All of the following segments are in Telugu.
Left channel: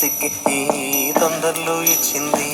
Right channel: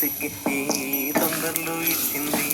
సిగ్గి ఈ తొందరలు ఇచ్చింది.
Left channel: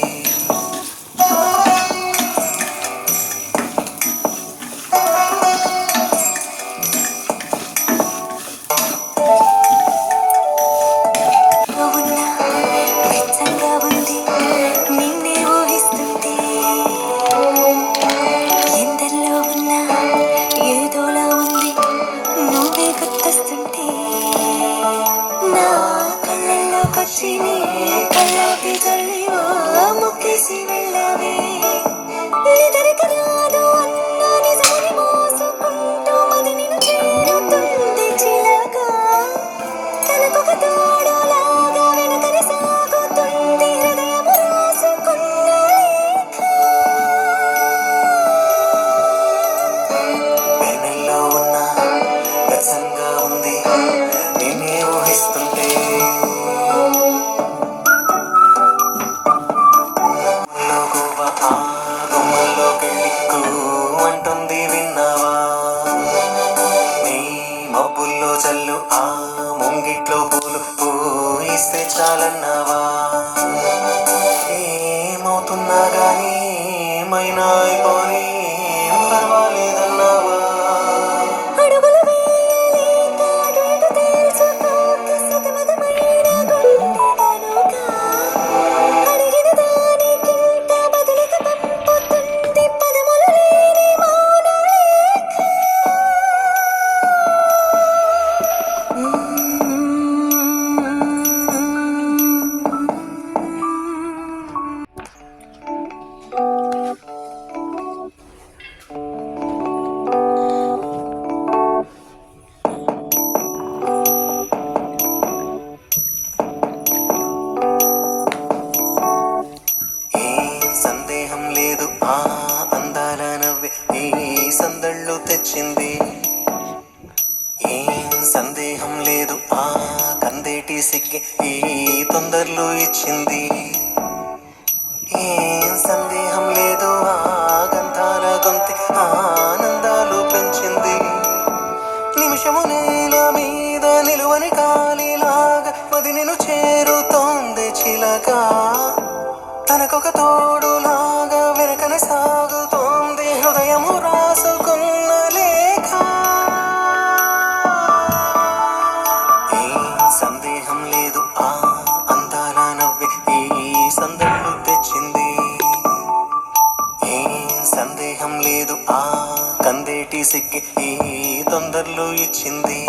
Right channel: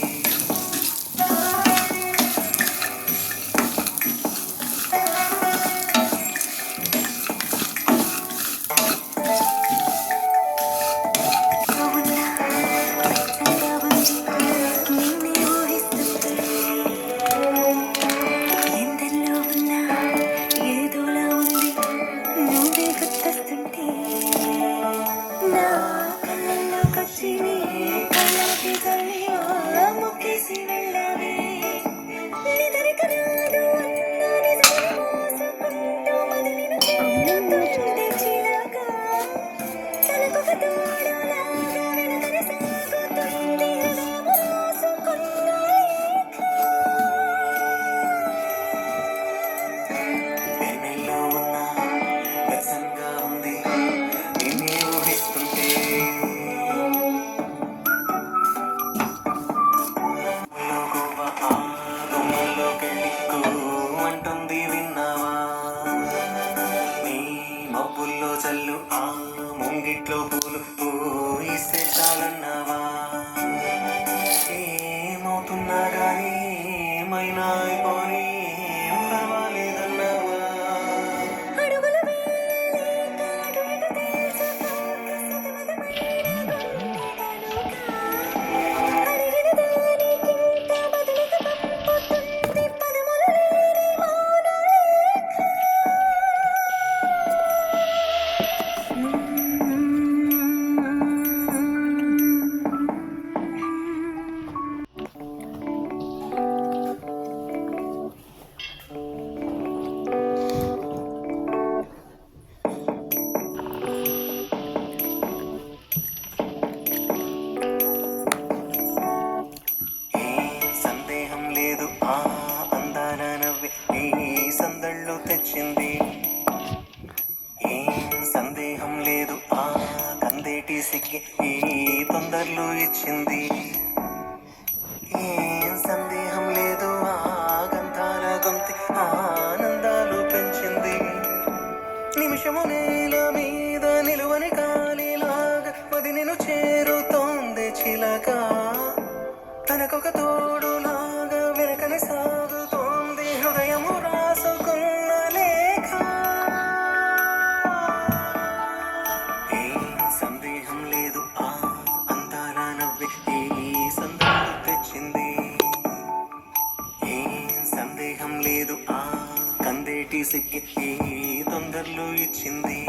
మబ్బుల్లో చల్లు ఆ ముంగిట్లో పూలు పూయిస్తే చాలన్నావా? ఏమవుతున్నా గానీ ఏమైనా అయిపోని ఏం పర్వాలేదన్నావా? తెచ్చింది ఏం సందేహం లేదు ఆ కందేటి సిగ్గి ఈ తొందరలు ఇచ్చింది. ఏం సందేహం లేదు ఆ గంధాల గొంతి ఆనందాలు పెంచింది. నిమిషము నేల మీద నిలువని కాలిలాగా మది నిన్ను చేరుతోంది చిలక. తనకొక తోడులాగా వెనకనే సాగుతోంది హృదయము రాసుకున్న లేఖ. ఏం సందేహం లేదు ఆ అందాల నవ్వి ఈ సందర్లు తెచ్చింది. ఏం సందేహం లేదు ఆ కందేటి సిగ్గి ఈ తొందరలు ఇచ్చింది.